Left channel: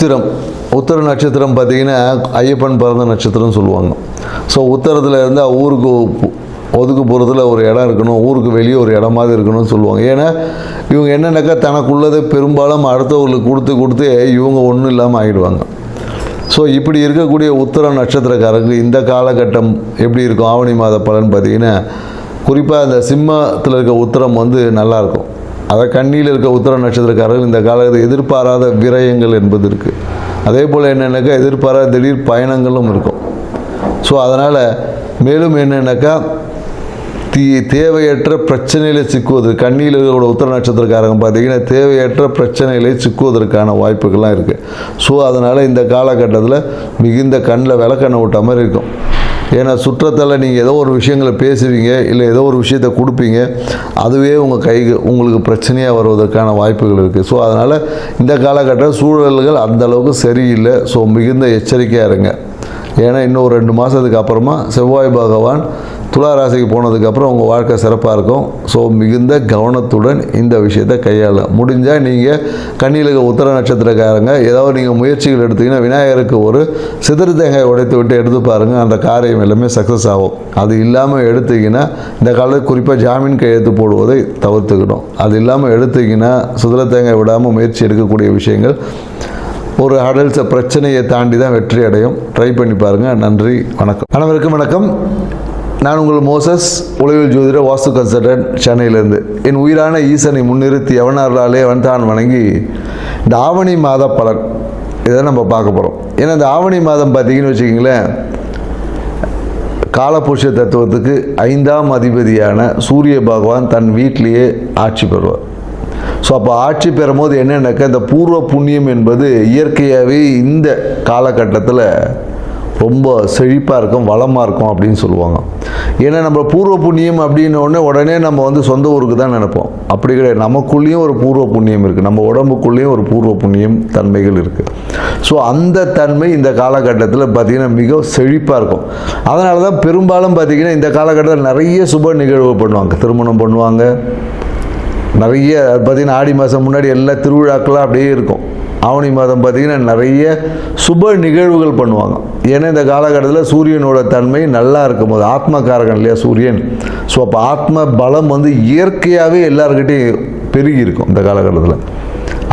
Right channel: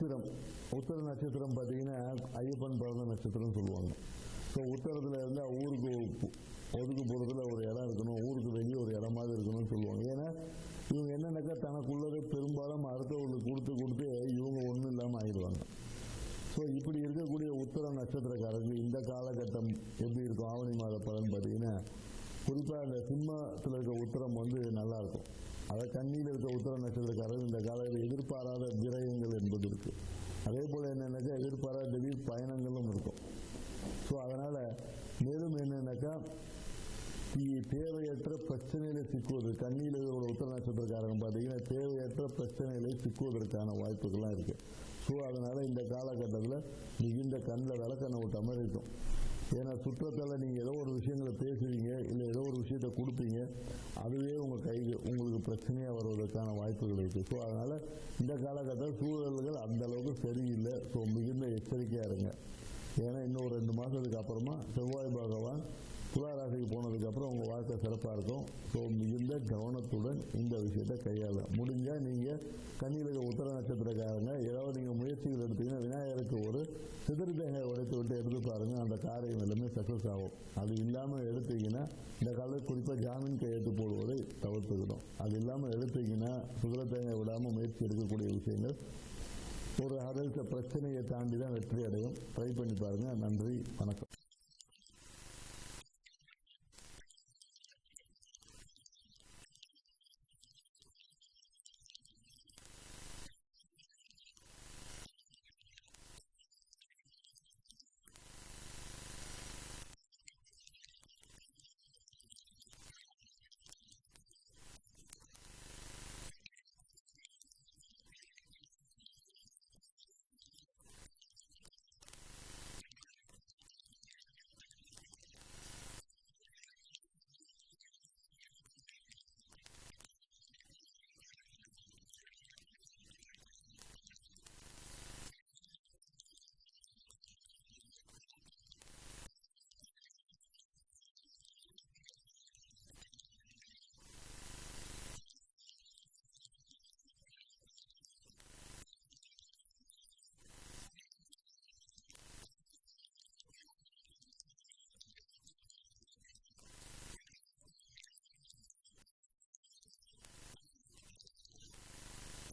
உத்திரம் உத்திர நட்சத்திரம் பார்த்திங்கன்னா ஐயப்பன் பிறந்த நட்சத்திரம்னு சொல்லுவாங்க. ஸோ உத்தரத்தில் இருந்தால் ஊருக்கு ஒதுக்குப்புறத்தில் ஒரு இடம் இருக்கணும், ஊருக்கு வெளியே ஒரு இடமாவது இருக்கணும்னு சொல்லுவாங்க. ஏன்னா இவங்க என்னென்னாக்கா தனக்குள்ளதை பெரும்பாலும் அடுத்தவர்களுக்கு கொடுத்து இவங்க ஒன்றும் இல்லாமல் ஆகிடுவாங்க. ஸோ இப்படி இருக்கக்கூடிய உத்திர நட்சத்திரக்காரருக்கு இந்த காலகட்டம் எப்படி இருக்கும் ஆவணி மாத பலன் பார்த்திங்கன்னா, குறிப்பாக அந்த சிம்மத்தில் இருக்க உத்திரம் நல்லாயிருக்கும். அதை கண்ணியில் இருக்க உத்திர நட்சத்திரக்காரர்கள் இந்த காலத்தில் எதிர்பாராத விரயங்கள் என்பது இருக்குது. அதே போல் என்னென்னாக்கா எதிர்பாராத திடீர் பயணங்களும் இருக்கும். ஸோ அதனால் மேலும் என்னென்னாக்கா தேவையற்ற பிரச்சனையில் சிக்குவது, கண்ணியில் இருக்கிற உத்திர நட்சத்திரக்காரங்க பார்த்திங்கன்னா தேவையற்ற பிரச்சனைகளை சிக்குவதற்கான வாய்ப்புகள்லாம் இருக்குது. ஸோ அதனால் இந்த காலகட்டத்தில் மிகுந்த கண்ணில் விளக்கெண்ணெய் விட்ட மாதிரி இருக்கும். ஏன்னா சுற்றத்தால் நீங்கள் ஏதோ ஒரு விஷயங்களை பேசுவீங்க, இல்லை ஏதோ ஒரு விஷயத்தை கொடுப்பீங்க, அதுவே உங்கள் கைக்கு உங்களுக்கு பிரச்சனையாக வருவதற்கான வாய்ப்புகள் இருக்குது. ஸோ அதனால் இந்த காலகட்ட சூழல்கள் அந்தளவுக்கு சரியில்லை. ஸோ மிகுந்த எச்சரிக்கையாக இருங்க. ஏன்னா இன்னும் 2 மாதத்துக்கு அப்புறமா செவ்வாய் பகவான் துலா ராசிக்கு போனதுக்கப்புறம் உங்கள் வாழ்க்கை சிறப்பாக இருக்கும். ஸோ மிகுந்த கவனத்துடன் இந்த விஷயத்தை கையாளலாம். முடிஞ்சால் நீங்கள் கண்ணியில் இருக்க உத்திர நட்சத்திரக்காரங்க ஏதாவது நீங்கள் முயற்சிகள் எடுத்திங்கன்னா விநாயகருக்கு ஒரு சிதறு தேங்காய் உடைத்து விட்டு எடுத்து பாருங்கள், அந்த காரியம் எல்லாமே சக்ஸஸ் ஆகும். அது இல்லாமல் எடுத்திங்கன்னா இந்த காலத்தில் குறிப்பாக ஜாமீன் கையெழுத்து போடுவதை தவிர்த்துக்கணும். அது இல்லாமல் எடுத்திங்கன்னா சிதறு தேங்காய் விடாமல் முயற்சி எடுக்கக்கூடிய விஷயங்கள் ஒரு அடல்ட்ஸை பிரச்சனையை தாண்டி தான் வெற்றி அடையும். ட்ரை பண்ணி பாருங்கள். நன்றி, வணக்கம். அனைவருக்கும் வணக்கம். நான் உங்கள் மோசஸ், உளவியல் ஜோதிடர், வாஸ்து கன்சல்டன்ட், சென்னையிலேருந்து. என் உயிரான ஈசனை முன்னிறுத்தி எவனார்களாலே அவன்தான் வணங்கி இந்த ஆவணி மாத பலன் இதை நம்ம பார்க்க போகிறோம். ஏன்னா இந்த ஆவணி மாதம் பார்த்திங்கன்னு வச்சுக்கிங்களேன், காலபுருஷ தத்துவத்துக்கு 5ஆம் அதிபதியான சூரிய பகவான் தன் வீட்டிலேயே ஆட்சி பெறுவார். ஸோ அப்போ ஆட்சி பெறும்போது என்னென்னாக்கா இந்த பூர்வ புண்ணியம் என்பது இயற்கையாகவே இந்த காலகட்டத்தில் ரொம்ப செழிப்பாக இருக்கும், வளமாக இருக்கும் அப்படின்னு சொல்லுவாங்க. ஏன்னா நம்ம பூர்வ புண்ணியம் அப்படின்னோடனே உடனே நம்ம சொந்த ஊருக்கு தான் நினைப்போம். அப்படி கிடையாது. நமக்குள்ளேயும் ஒரு பூர்வ புண்ணியம் இருக்குது, நம்ம உடம்புக்குள்ளேயும் ஒரு பூர்வ புண்ணியம் தன்மைகள் இருக்குது. ஸோ அந்த தன்மை இந்த காலகட்டத்தில் பார்த்திங்கன்னா மிக செழிப்பாக இருக்கும். அதனால தான் பெரும்பாலும் பார்த்திங்கன்னா இந்த காலகட்டத்தில் நிறைய சுப நிகழ்வு பண்ணுவாங்க. திருமணம் பண்ணுவாங்க, நிறைய பார்த்திங்கன்னா ஆடி மாதம் முன்னாடி எல்லா திருவிழாக்களாக அப்படியே இருக்கும். ஆவணி மாதம் பார்த்திங்கன்னா நிறைய சுப நிகழ்வுகள் பண்ணுவாங்க. ஏன்னா இந்த காலகட்டத்தில் சூரியனோட தன்மை நல்லா இருக்கும்போது, ஆத்மகாரகன் இல்லையா சூரியன். ஸோ அப்போ ஆத்ம பலம் இயற்கையாகவே எல்லாருக்கிட்டையும் பெருகி இருக்கும் இந்த காலகட்டத்தில்.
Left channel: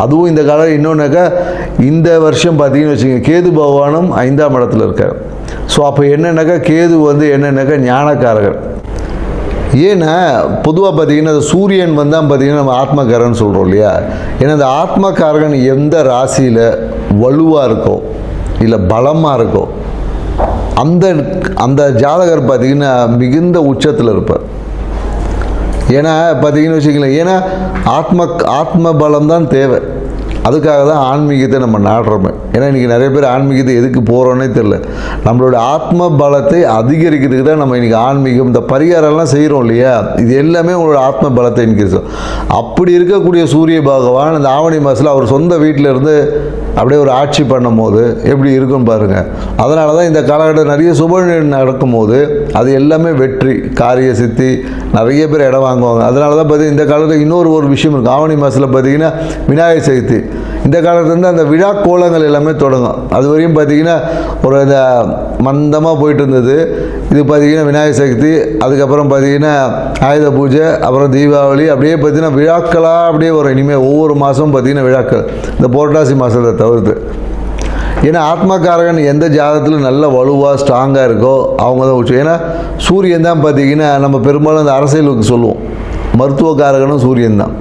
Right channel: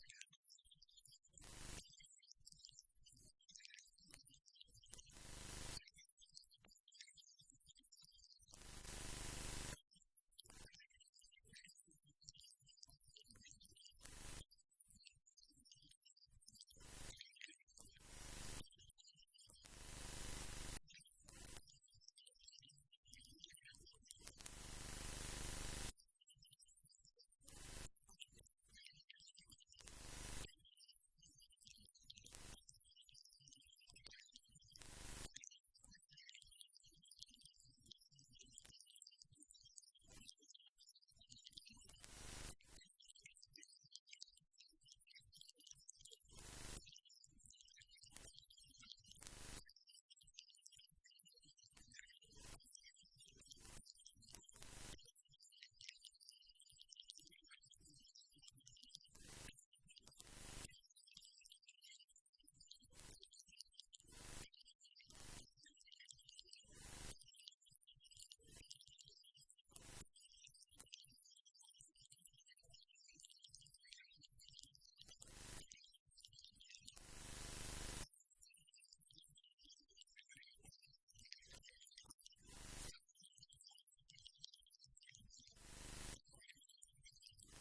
அதுவும் இந்த காலம் இன்னொன்றாக்கா இந்த வருஷம் பார்த்திங்கன்னு வச்சுக்கோங்க, கேது பகவானும் 5ஆம் இடத்துல இருக்கார். ஸோ அப்போ என்னென்னாக்கா கேது என்னென்னாக்கா ஞானக்காரகர். ஏன்னா பொதுவாக பார்த்திங்கன்னா சூரியன் தான் பார்த்திங்கன்னா நம்ம ஆத்மகாரகன் சொல்கிறோம் இல்லையா. ஏன்னா இந்த ஆத்மகாரகன் எந்த ராசியில் வலுவாக இருக்கோ இல்லை பலமாக இருக்கோ அந்த ஜாதகர் பார்த்திங்கன்னா மிகுந்த உச்சத்தில் இருப்பார். ஏன்னா பார்த்திங்கன்னு வச்சுக்கலாம், ஏன்னா ஆத்ம பலம் தான் தேவை. அதுக்காக தான் ஆன்மீகத்தை நம்ம நாடுறோமே. ஏன்னா இன்றைக்கி நிறைய பேர் ஆன்மீகத்தை எதுக்கு போகிறோன்னே தெரில. நம்மளோட ஆத்ம பலத்தை அதிகரிக்கிறதுக்கு தான் நம்ம இன்றைக்கி ஆன்மீகம் இந்த பரிகாரம்லாம் செய்கிறோம் இல்லையா. இது எல்லாமே உங்களோட ஆத்ம பலத்தை இன்க்ரீஸ். அப்படி இருக்கக்கூடிய சூரிய பகவான் இந்த ஆவணி மாதத்தில் அவர் சொந்த வீட்டில் இருந்து அப்படியே ஒரு ஆட்சி பண்ணும் போது எப்படி இருக்குன்னு பாருங்கள். அதனால தான் இந்த காலகட்டம் நிறைய சுப நடக்கும்போது அது எல்லாமே வெற்றி, காரிய சித்தி, நிறைய பேர் இடம் வாங்குவாங்க. அதனால தான் பார்த்திங்கன்னா இந்த காலத்தில் இன்னொரு விஷயம் இருக்குது. ஆவணி மாதத்தில் பார்த்திங்கன்னா விநாயகர் சதுர்த்தி. இந்த காலத்துலேருந்து அந்த விழா கோலங்கள் எல்லாமே தொடங்கும். அது வரையும் பார்த்திங்கன்னா ஒரு இந்த மந்தமாக போயிட்டு இருந்தது. இது பார்த்திங்கன்னா விநாயகர் சதுர்த்தி, அதுக்கப்புறம் பார்த்திங்கன்னா ஆயுத பூஜை, அப்புறம் தீபாவளி, அப்படியே பார்த்திங்கன்னா விழாக்களாக அப்படியே வரும். இனிமேல் ஒவ்வொரு மாதமும் பார்த்திங்கன்னா விழாக்கள், இந்த புரட்டாசி மாதத்தை தவிர்த்து. ஏன்னா ஆத்மகாரகன் எந்த ஜாதகத்தில் நல்ல வலுவாக ஸ்ட்ராங்காக இருக்கோ அவங்க தான் உச்சம். ஏன்னா சூரியன் தான் பார்த்திங்கன்னா நம்ம பெரும்பாலும் அந்த அரசியலுக்கு சொல்லுவோம், மருத்துவக்காரகனும் சூரியன் தான்.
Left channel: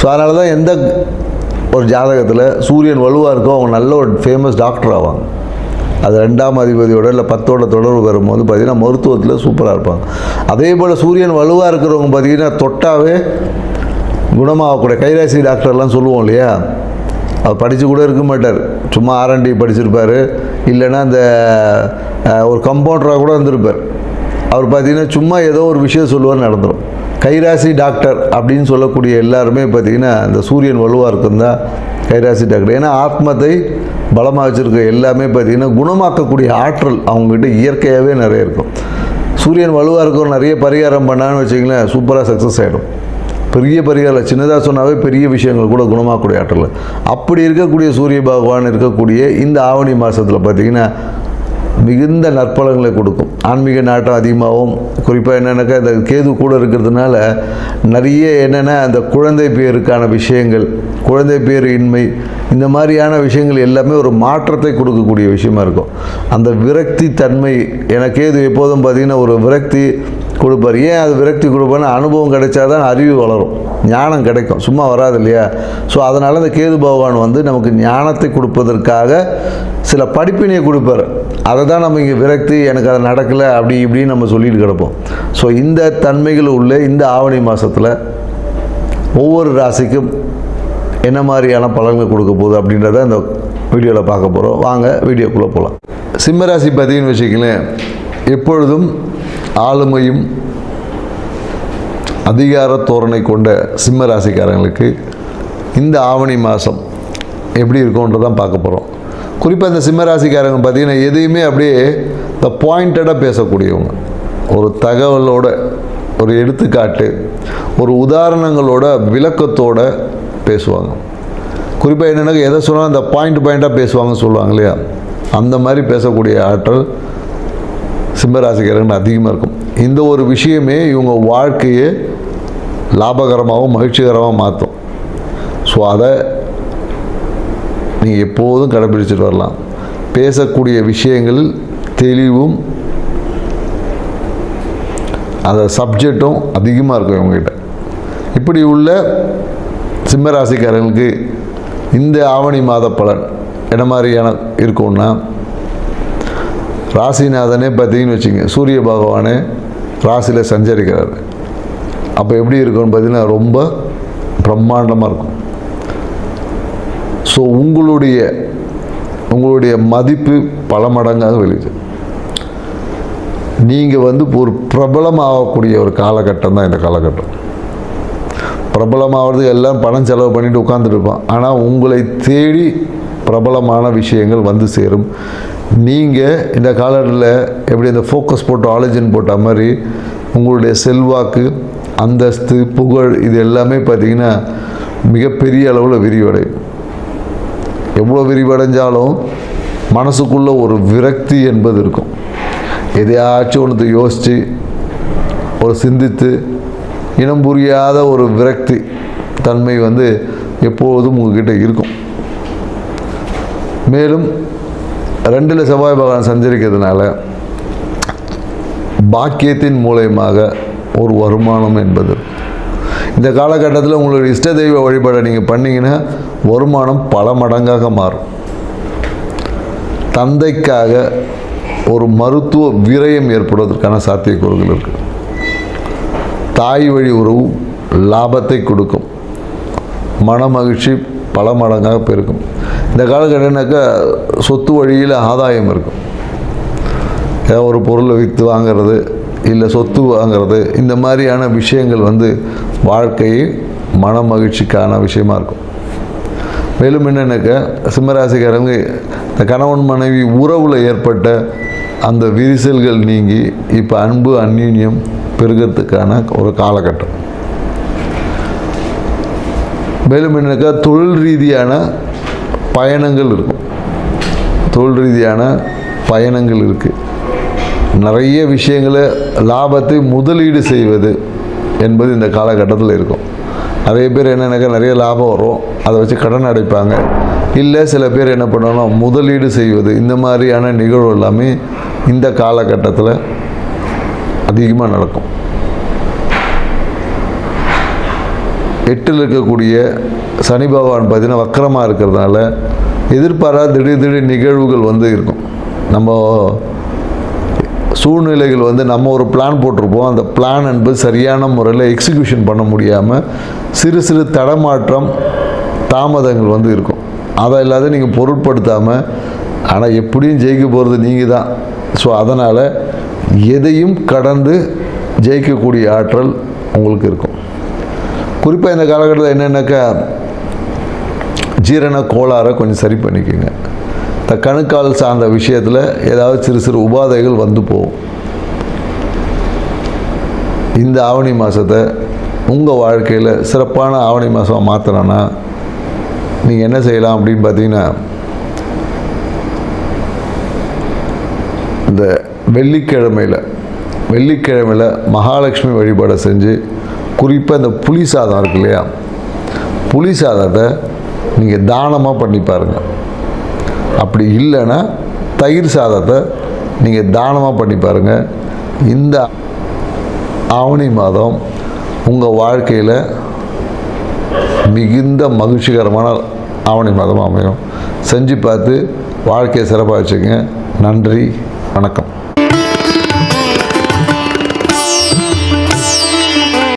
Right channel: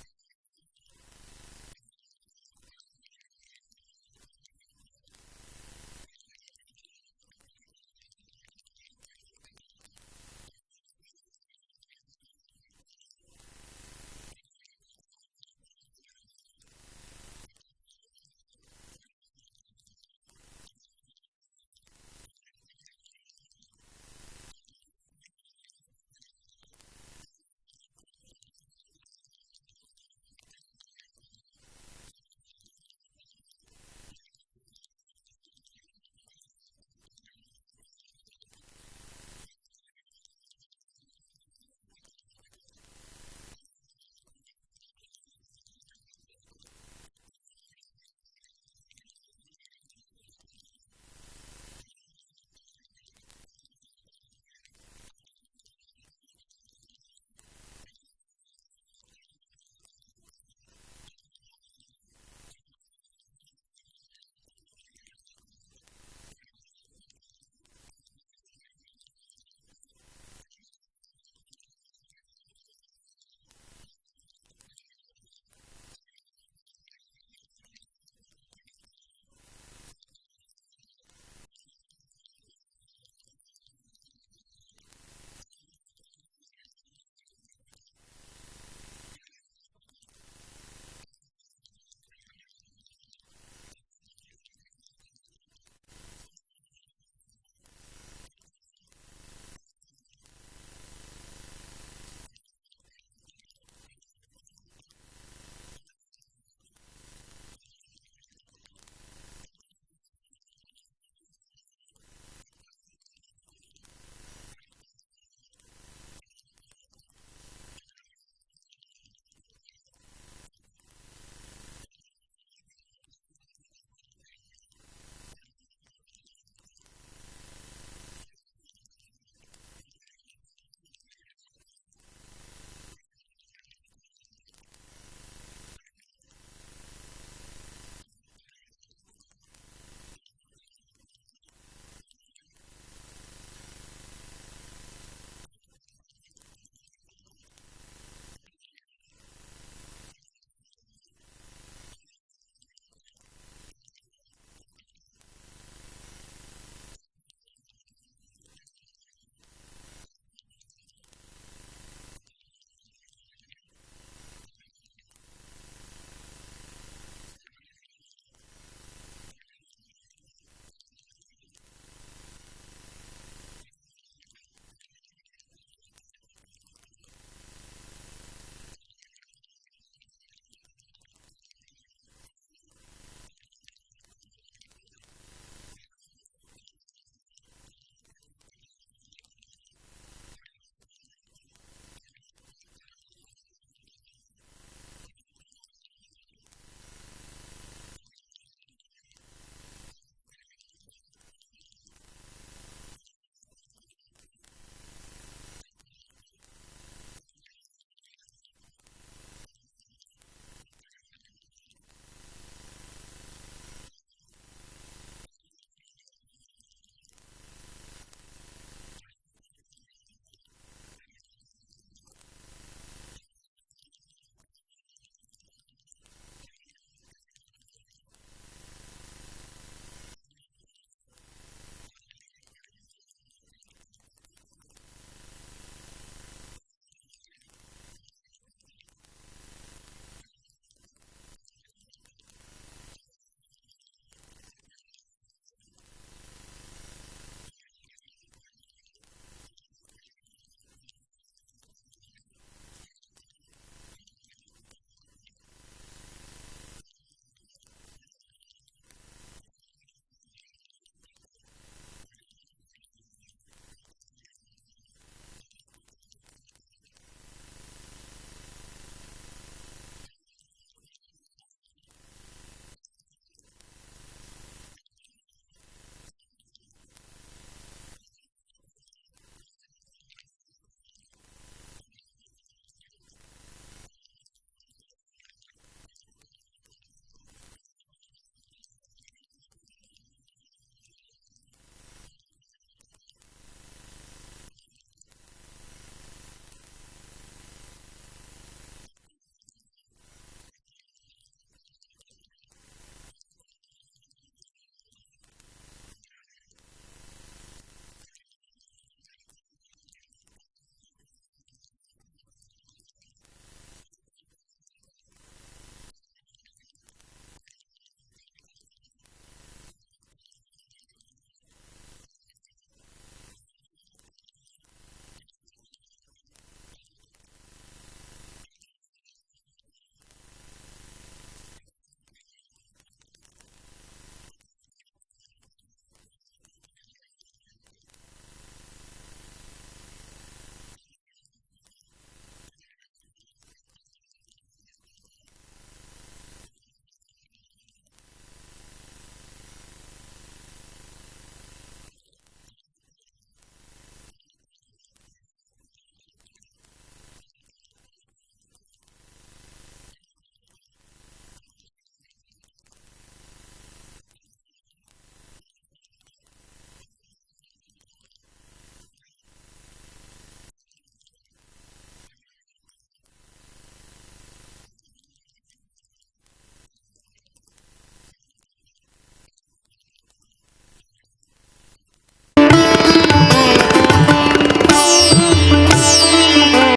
ஸோ அதனால தான் எந்த ஒரு ஜாதகத்தில் சூரியன் வலுவாக இருக்கோ அவங்க நல்ல ஒரு ஃபேமஸ் டாக்டர் ஆவாங்க. அது 2ஆம் அதிபதியோட இல்லை 10ஓட தொடர்பு வரும்போது பார்த்திங்கன்னா மருத்துவத்தில் சூப்பராக இருப்பாங்க. அதே போல் சூரியன் வலுவாக இருக்கிறவங்க பார்த்திங்கன்னா தொட்டாவே குணமாகக்கூடிய கைராசி டாக்டர்லாம் சொல்லுவோம் இல்லையா. அவர் படித்து கூட இருக்க மாட்டார், சும்மா R&D படிச்சிருப்பார், இல்லைன்னா அந்த ஒரு கம்பவுண்டராக கூட இருந்திருப்பார். அவர் பார்த்திங்கன்னா சும்மா ஏதோ ஒரு விஷயம் சொல்லுவார், நடந்துடும். கைராசி டாக்டர் அப்படின்னு சொல்லக்கூடிய எல்லாருமே பார்த்திங்கன்னா இந்த சூரியன் வலுவாக இருக்குன்னு தான் கைராசி டாக்டர். ஏன்னா ஆத்மத்தை பலமாக வச்சுருக்க எல்லாமே பார்த்திங்கன்னா குணமாக்கக்கூடிய ஆற்றல் அவங்ககிட்ட இயற்கையாகவே நிறைய இருக்கும். சூரியன் வலுவாக இருக்கும், நிறைய பரிகாரம் பண்ணான்னு வச்சிங்களேன், சூப்பராக சக்ஸஸ் ஆகிடும். பெரிய பரிகாரம் சின்னதாக சொன்னாவே பெரிய விஷயங்கள் கூட குணமாகக்கூடிய ஆற்றல். அப்படி இருக்கக்கூடிய சூரிய பகவான் இருக்கக்கூடிய இந்த ஆவணி மாதத்தில் பார்த்திங்கன்னா மிகுந்த நற்பலங்களை கொடுக்கும். ஆன்மீக நாட்டம் அதிகமாகவும், குறிப்பாக என்னென்னாக்கா இந்த கேது கூட இருக்கிறதுனால நிறைய என்னென்னா அந்த குழந்தை பேருக்கான விஷயங்கள், குழந்தை பேர் இன்மை, இந்த மாதிரியான விஷயங்கள் எல்லாமே ஒரு மாற்றத்தை கொடுக்கக்கூடிய விஷயமா இருக்கும். அந்த விரக்தி தன்மை, எனக்கு கேது எப்போதும் பார்த்திங்கன்னா ஒரு விரக்தி கொடுப்பார். ஏன் அது விரக்தி கொடுப்பார்னா அனுபவம் கிடைச்சாதான் அறிவு வளரும், ஞானம் கிடைக்கும், சும்மா வராது இல்லையா? ஸோ அதனால் இந்த கேது பகவான் வந்து நமக்கு ஞானத்தை கொடுப்பதற்காக சில படிப்பினையை கொடுப்பார். அதை தான் நம்ம இங்கே விரக்தி, எனக்கு அது நடக்கலை அப்படி இப்படின்னு நம்ம சொல்லிட்டு கிடப்போம். ஸோ இந்த தன்மைகள் உள்ள இந்த ஆவணி மாதத்தில் ஒவ்வொரு ராசிக்கும் என்ன மாதிரியான பலன்கள் கொடுக்க போகுது அப்படின்றத இந்த வீடியோவில் பார்க்க போகிறோம். வாங்க வீடியோக்குள்ளே போகலாம். சிம்ம ராசி பார்த்தீங்கன்னு வச்சுக்கங்களேன், எப்பொழுதும் ஆளுமையும் அதிகார தோரணை கொண்ட சிம்ம ராசிக்காரங்களுக்கு இந்த ஆவணி மாதம் எப்படி இருக்கும்ன்றதான் பார்க்க போகிறோம். குறிப்பாக இந்த சிம்ம ராசிக்காரங்க பார்த்திங்கன்னா எதையுமே அப்படியே இந்த பாயிண்டடாக பேசக்கூடியவங்க, ஒரு தகவலோட, ஒரு எடுத்துக்காட்டு, ஒரு உதாரணங்களோட விளக்கத்தோட பேசுவாங்க. குறிப்பாக என்னென்னா எதை சொன்னாலும் அந்த பாயிண்ட்டாக பேசுவாங்கன்னு சொல்லுவாங்க இல்லையா, அந்த மாதிரி பேசக்கூடிய ஆற்றல் சிம்மராசிக்காரர்கள் அதிகமாக இருக்கும். இந்த ஒரு விஷயமே இவங்க வாழ்க்கையை லாபகரமாகவும் மகிழ்ச்சிகரமாக மாற்றும். ஸோ அதை நீங்கள் எப்போதும் கடைபிடிச்சிட்டு வரலாம். பேசக்கூடிய விஷயங்களில் தெளிவும் அந்த சப்ஜெக்டும் அதிகமாக இருக்கும் இவங்ககிட்ட. இப்படி உள்ள சிம்மராசிக்காரர்களுக்கு இந்த ஆவணி மாத பலன் என்ன மாதிரியான இருக்கும்னா, ராசிநாதனே பார்த்தீங்கன்னு வச்சுங்க, சூரிய பகவானே ராசியில் சஞ்சரிக்கிறார். அப்போ எப்படி இருக்கும்னு பார்த்தீங்கன்னா ரொம்ப பிரம்மாண்டமாக இருக்கும். ஸோ உங்களுடைய மதிப்பு பல மடங்காக வெளியுது. நீங்கள் வந்து ஒரு பிரபலமாகக்கூடிய ஒரு காலகட்டம் தான் இந்த காலகட்டம். பிரபலமாகிறது எல்லாம் பணம் செலவு பண்ணிட்டு உட்காந்துட்டு இருப்பான். ஆனால் உங்களை தேடி பிரபலமான விஷயங்கள் வந்து சேரும். நீங்கள் இந்த காலத்தில் எப்படி இந்த ஃபோக்கஸ் போட்டு ஆலோஜன் போட்ட மாதிரி உங்களுடைய செல்வாக்கு, அந்தஸ்து, புகழ் இது எல்லாமே பார்த்திங்கன்னா மிகப்பெரிய அளவில் விரிவடையும். எவ்வளோ விரிவடைஞ்சாலும் மனசுக்குள்ளே ஒரு விரக்தி என்பது இருக்கும். எதையாச்சும் ஒன்று யோசித்து ஒரு சிந்தித்து இனம் புரியாத ஒரு விரக்தி தன்மை வந்து எப்போதும் உங்ககிட்ட இருக்கும். மேலும் 2 செவ்வாய் பகவான் சஞ்சரிக்கிறதுனால பாக்கியத்தின் மூலயமாக ஒரு வருமானம் என்பது இந்த காலகட்டத்தில் உங்களுடைய இஷ்ட தெய்வ வழிபாடை நீங்கள் பண்ணிங்கன்னா வருமானம் பல மடங்காக மாறும். தந்தைக்காக ஒரு மருத்துவ விரயம் ஏற்படுவதற்கான சாத்தியக்கூறுகள் இருக்குது. தாய் வழி உறவு லாபத்தை கொடுக்கும். மன மகிழ்ச்சி பல மடங்காக பெருக்கும். இந்த காலகட்டம்னாக்கா சொத்து வழியில் ஆதாயம் இருக்கும். ஏதாவது ஒரு பொருளை விற்று வாங்கிறது, இல்லை சொத்து வாங்கிறது, இந்த மாதிரியான விஷயங்கள் வந்து வாழ்க்கையை மன மகிழ்ச்சிக்கான விஷயமா இருக்கும். மேலும் என்னென்னாக்கா சிம்மராசிக்காரங்க இந்த கணவன் மனைவி உறவில் ஏற்பட்ட அந்த விரிசல்கள் நீங்கி இப்போ அன்பு அந்யோன்யம் பெருகிறதுக்கான ஒரு காலகட்டம். மேலும் என்னக்கா தொழில் ரீதியான பயணங்கள் இருக்கும். தொழில் ரீதியான பயணங்கள் இருக்குது. நிறைய விஷயங்களை லாபத்தை முதலீடு செய்வது என்பது இந்த காலகட்டத்தில் இருக்கும். நிறைய பேர் என்னென்னாக்கா நிறைய லாபம் வரும், அதை வச்சு கடன் அடைப்பாங்க. இல்லை சில பேர் என்ன பண்ணணும், முதலீடு செய்வது, இந்த மாதிரியான நிகழ்வு எல்லாமே இந்த காலகட்டத்தில் அதிகமாக நடக்கும். 8ல் இருக்கக்கூடிய சனி பகவான் பார்த்திங்கன்னா வக்கரமாக இருக்கிறதுனால எதிர்பாராத திடீர் நிகழ்வுகள் வந்து இருக்கும். நம்ம சூழ்நிலைகள் வந்து நம்ம ஒரு பிளான் போட்டிருப்போம், அந்த பிளான் என்பது சரியான முறையில் எக்ஸிக்யூஷன் பண்ண முடியாமல் சிறு தடமாற்றம், தாமதங்கள் வந்து இருக்கும். அதை இல்லாத நீங்கள் பொருட்படுத்தாமல், ஆனால் எப்படியும் ஜெயிக்க போகிறது நீங்கள் தான். ஸோ அதனால் எதையும் கடந்து ஜெயிக்கக்கூடிய ஆற்றல் உங்களுக்கு இருக்கும். குறிப்பாக இந்த காலகட்டத்தில் என்னென்னாக்கா ஜீரண கோளாறை கொஞ்சம் சரி பண்ணிக்கோங்க. இந்த கணுக்கால் சார்ந்த விஷயத்தில் ஏதாவது சிறு உபாதைகள் வந்து போகும். இந்த ஆவணி மாதத்தை உங்கள் வாழ்க்கையில் சிறப்பான ஆவணி மாதம் மாற்றணும்னா நீங்கள் என்ன செய்யலாம் அப்படின்னு பார்த்தீங்கன்னா, இந்த வெள்ளிக்கிழமையில் மகாலட்சுமி வழிபாடை செஞ்சு, குறிப்பாக இந்த புளி சாதம் இருக்கு இல்லையா, புளி சாதத்தை நீங்கள் தானமாக பண்ணி பாருங்கள். அப்படி இல்லைன்னா தயிர் சாதத்தை நீங்கள் தானமாக பண்ணி பாருங்கள். இந்த ஆவணி மாதம் உங்கள் வாழ்க்கையில் மிகுந்த மகிழ்ச்சிகரமான ஆவணி மாதம் அமையும். செஞ்சு பார்த்து வாழ்க்கையை சிறப்பாக வச்சுக்கங்க. நன்றி, வணக்கம்.